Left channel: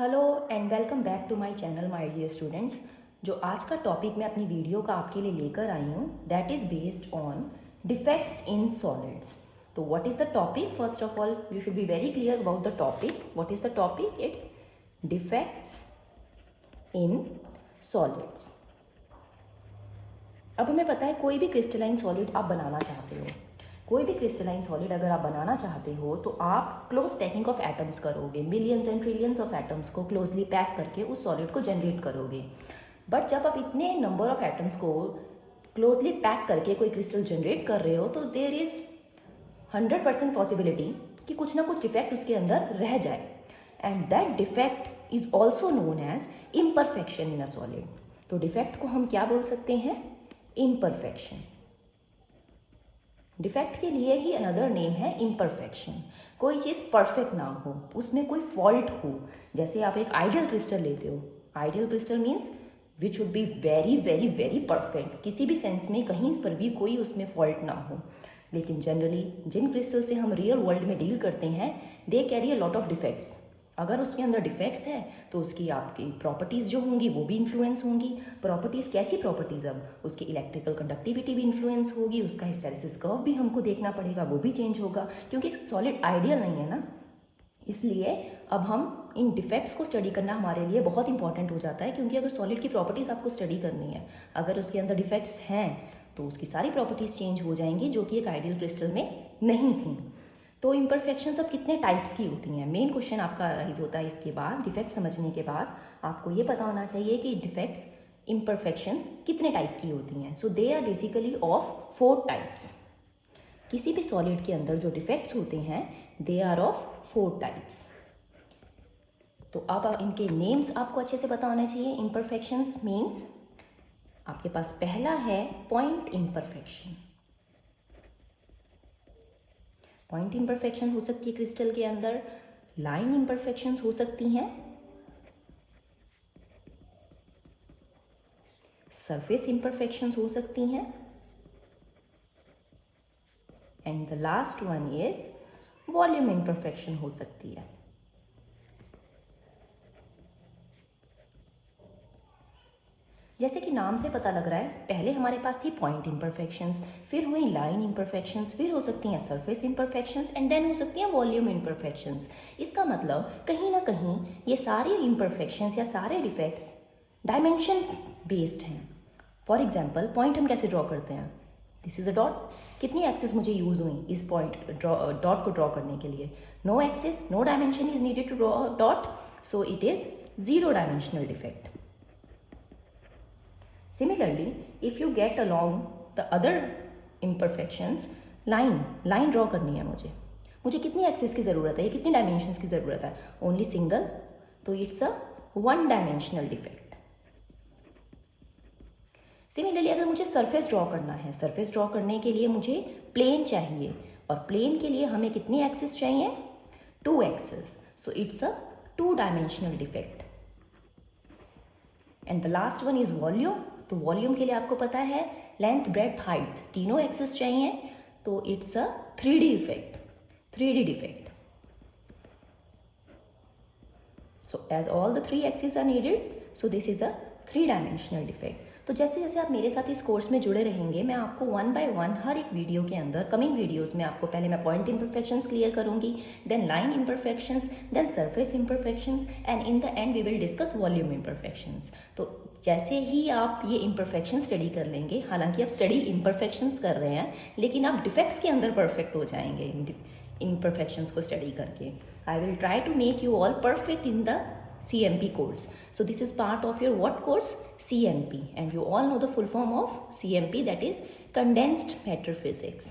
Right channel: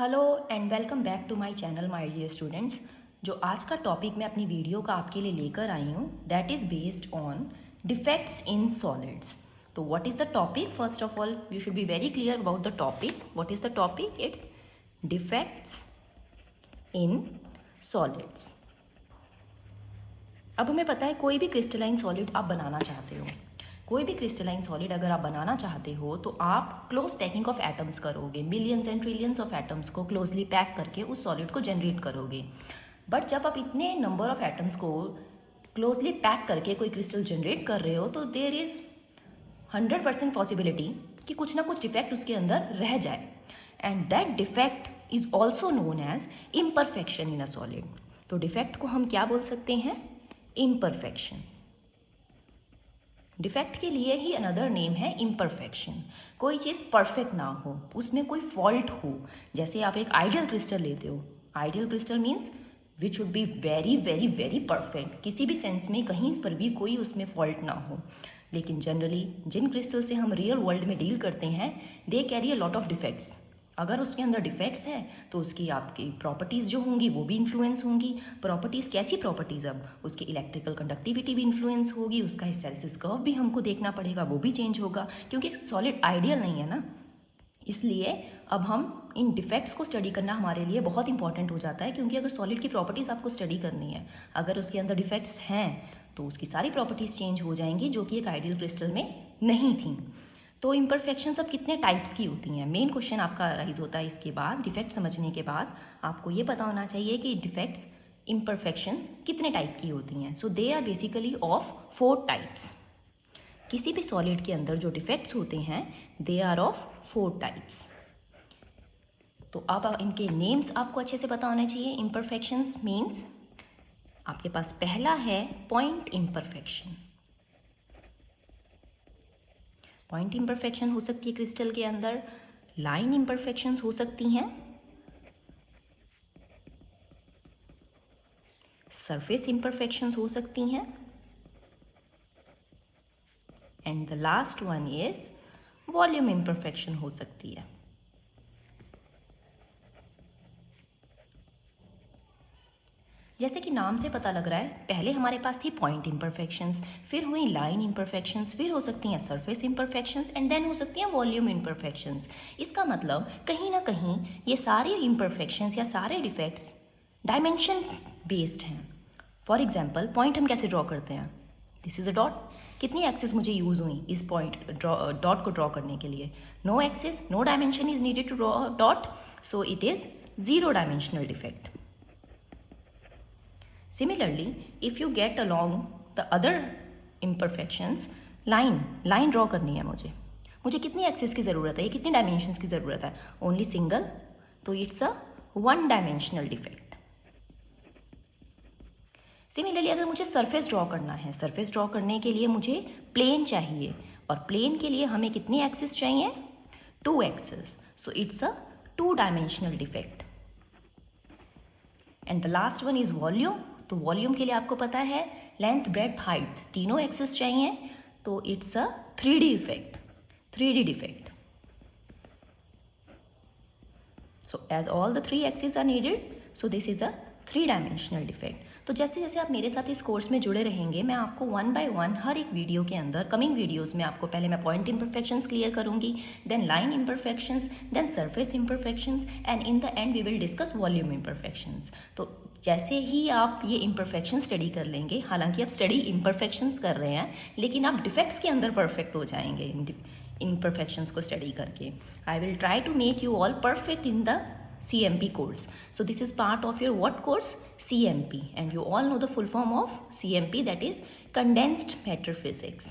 Hello and welcome back to my channel my dear students. जो आज का topic मैं अपनी वीडियो का आपके लिए लेकर आई हूँ that is based on defects in solids. तो what is the topic? First of all you should be very clear about the topic. What is the topic? It's defects in solids. अब हमें पता है कोई भी क्रिस्टलाइन सॉलिड आप बनाना चाहते हो, कोई भी क्रिस्टलाइन सॉलिड अगर आप बनाना चाहते हो तो आप क्लोज पैकिंग ऑफ एटम्स करोगे, millions and trillions of atoms को क्लोजली पैक करके उस सॉलिड को जनरेट करोगे। बट जब आप इतने नंबर ऑफ एटम्स को क्लोजली पैक करके कोई क्रिस्टल जनरेट कर रहे हो तो देर इज़ 100% पॉसिबिलिटी कि कुछ ना कुछ डिफेक्ट उसके अंदर रह जाए, and that defect is also known as imperfection in a solid. तो डिफेक्ट को हम क्या बोल सकते हैं? इम्परफेक्शन। डिफेक्ट के लिए ही अनदर नेम है इम्परफेक्शन। कोई चीज़ परफेक्ट ना हो, उसमें कोई फॉल्ट हो। जैसे आप एक आइडियल क्रिस्टल लेते हो, ideal crystal means which would be very very very perfect, किसी भी सेंस में कहीं पर भी कोई उसमें फॉल्ट ना हो। लेकिन जनरली जिन क्रिस्टल से हम रियल वर्ल्ड में डील करते हैं they carry a lot of defects. अगर उसके अंदर डिफेक्ट्स है तो उसकी आपकी प्रॉपर्टीज़ जो होंगी वो भी इन्फ्लुएंस होंगी। प्रॉपर्टीज़ कैसी प्रॉपर्टीज़? अब उसकी इलेक्ट्रिकल कंडक्टिविटी भी इन्फ्लुएंस होगी, उसका हिस्टैरिसीस कर्व भी हमको देखना पड़ेगा, वो भी चेंज होगा, क्योंकि सॉलिड आइडियल नहीं है ना। इसलिए अब हम इन डिफेक्ट्स को स्टडी करना हमारे लिए बहुत इंपॉर्टेंट हो जाता है, क्योंकि अगर सॉलिड की प्रॉपर्टीज़ आपको स्टडी करनी है, अगर उसके अंदर डिफेक्ट्स हैं तो उसकी सारी प्रॉपर्टीज़ चेंज हो जाएंगी जो कि एक आइडियल क्रिस्टल में नहीं थी। तो इम्परफेक्शंस अब कितने टाइप्स की होती हैं? मेन क्वेश्चन आपका राइज होता है इसके बाद। डिफेक्ट समझने के बाद आपको ये पता होना चाहिए कि डिफेक्ट्स इम्परफेक्शंस कितने टाइप की होती हैं। So they are basically of 4 types. किसी भी सॉलिड के अंदर जो डिफेक्ट्स होते हैं दे आर ऑफ 4 टाइप्स। तो अब इनके नेम्स आपको अच्छे से पता होने चाहिए। इम्परफेक्शंस मीन्स आपके पास पहला है पॉइंट इम्परफेक्शन। पॉइंट इम्परफेक्शन हो सकती है क्रिस्टल के अंदर, लाइन इम्परफेक्शंस हो सकती हैं, सरफेस इम्परफेक्शंस हो सकती हैं, and the last one is volume imperfection हो सकती है। जैसे कि नाम से पता लग रहा है, पहले हमारे पास थी पॉइंट इम्परफेक्शंस, फिर हुई लाइन इम्परफेक्शंस, फिर हो सकती हैं सरफेस इम्परफेक्शंस, एंड देन हो सकती हैं वॉल्यूम इम्परफेक्शंस। इसका मतलब कहीं ना कहीं ये सारे इम्परफेक्शंस या सारे डिफेक्ट्स डायमेंशन बेस्ड हैं। फॉर एग्जाम्पल पॉइंट हम कैसे ड्रॉ करते हैं? This is a dot. कितनी एक्सेस मुझे यूज हुई इस पॉइंट डॉट को ड्रॉ करने के लिए? No axes, no dimension is needed to draw dot, so it is 0 dimensional defect. Similarly, if you get along the other imperfections, line draw करनी है मुझे कितनी एक्सिस की ज़रूरत है, कितनी डायमेंशंस की ज़रूरत है? ओनली सिंगल, तो it's a 1 dimensional defect. Similarly अगर मुझे सरफेस ड्रॉ करना है, सरफेस ड्रॉ करने के लिए मुझे प्लेन चाहिए, और प्लेन के लिए हमें कितनी एक्सिस चाहिए? 2 axis, so it's a 2 dimensional defect. And the last one is volume. तो वॉल्यूम के लिए आपको पता है लेंथ, ब्रेड्थ, हाइट तीनों एक्सेस चाहिए, तो it's a 3D effect, 3D defect. So as all the 3 axis are needed, so this is a 3 dimensional defect. तो जैसे जैसे आप मेरे साथ इस कोर्स में जुड़े रहेंगे, मैं आपको 1 बाय 1 हर एक वीडियो के अंदर, कमिंग वीडियोस में आपको पहले मैं पॉइंट इम्परफेक्शंस क्लियर करूंगी, then line imperfections, then surface imperfections, and in the end we will discuss volume imperfections. तो जैसे ही आप ये इम्परफेक्शन स्टडी कर लेंगे, हालांकि आप स्टडी इम्परफेक्शंस कर रहे हैं लेकिन आप डिफेक्ट्स के अंदर परफेक्ट हो जाएंगे इम्परफेक्शंस को स्टडी करके। I will try to make you all perfect in the CMP course. So this is part of your what course? CMP, and you all know the full form of CMP, that is condensed matter physics.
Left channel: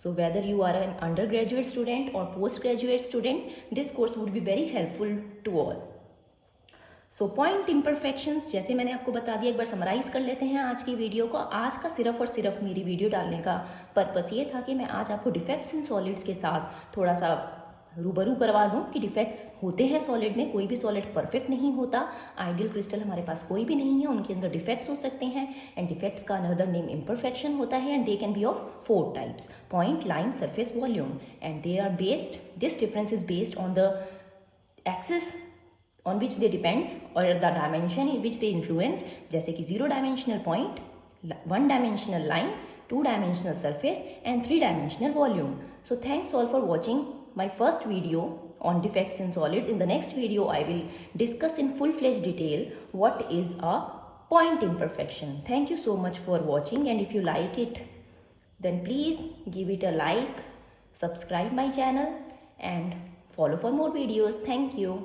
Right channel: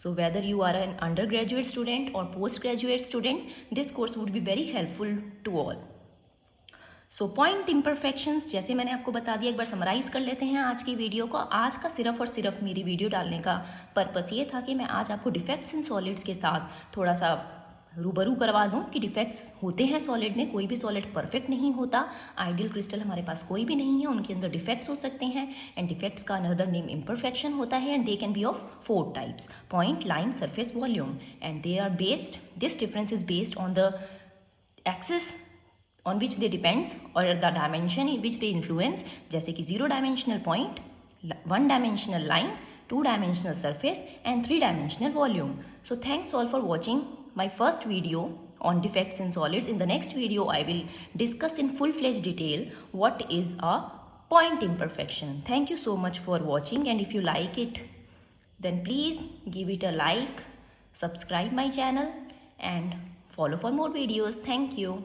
So whether you are an undergraduate student or postgraduate student, this course would be very helpful to all. So point imperfections जैसे मैंने आपको बता दिया, एक बार summarise कर लेते हैं आज की वीडियो को। आज का सिर्फ और सिर्फ मेरी वीडियो डालने का पर्पस ये था कि मैं आज आपको डिफेक्ट्स इन सॉलिड्स के साथ थोड़ा सा रूबरू करवा दूं कि डिफेक्ट्स होते हैं सॉलिड में, कोई भी सॉलिड परफेक्ट नहीं होता। आइडियल क्रिस्टल हमारे पास कोई भी नहीं है, उनके अंदर डिफेक्ट्स हो सकते हैं एंड डिफेक्ट्स का अनदर नेम इम्परफेक्शन होता है and they can be of 4 types: point, line, surface, volume. And they are based, this difference is based on the axis on which they depends or the dimension in which they influence, जैसे कि 0 dimensional point, 1 dimensional line, 2 dimensional surface and 3 dimensional volume. So thanks all for watching my first video on defects in solids. In the next video I will discuss in full-fledged detail what is a point imperfection. Thank you so much for watching, and if you like it then please give it a like, subscribe my channel and follow for more videos. Thank you.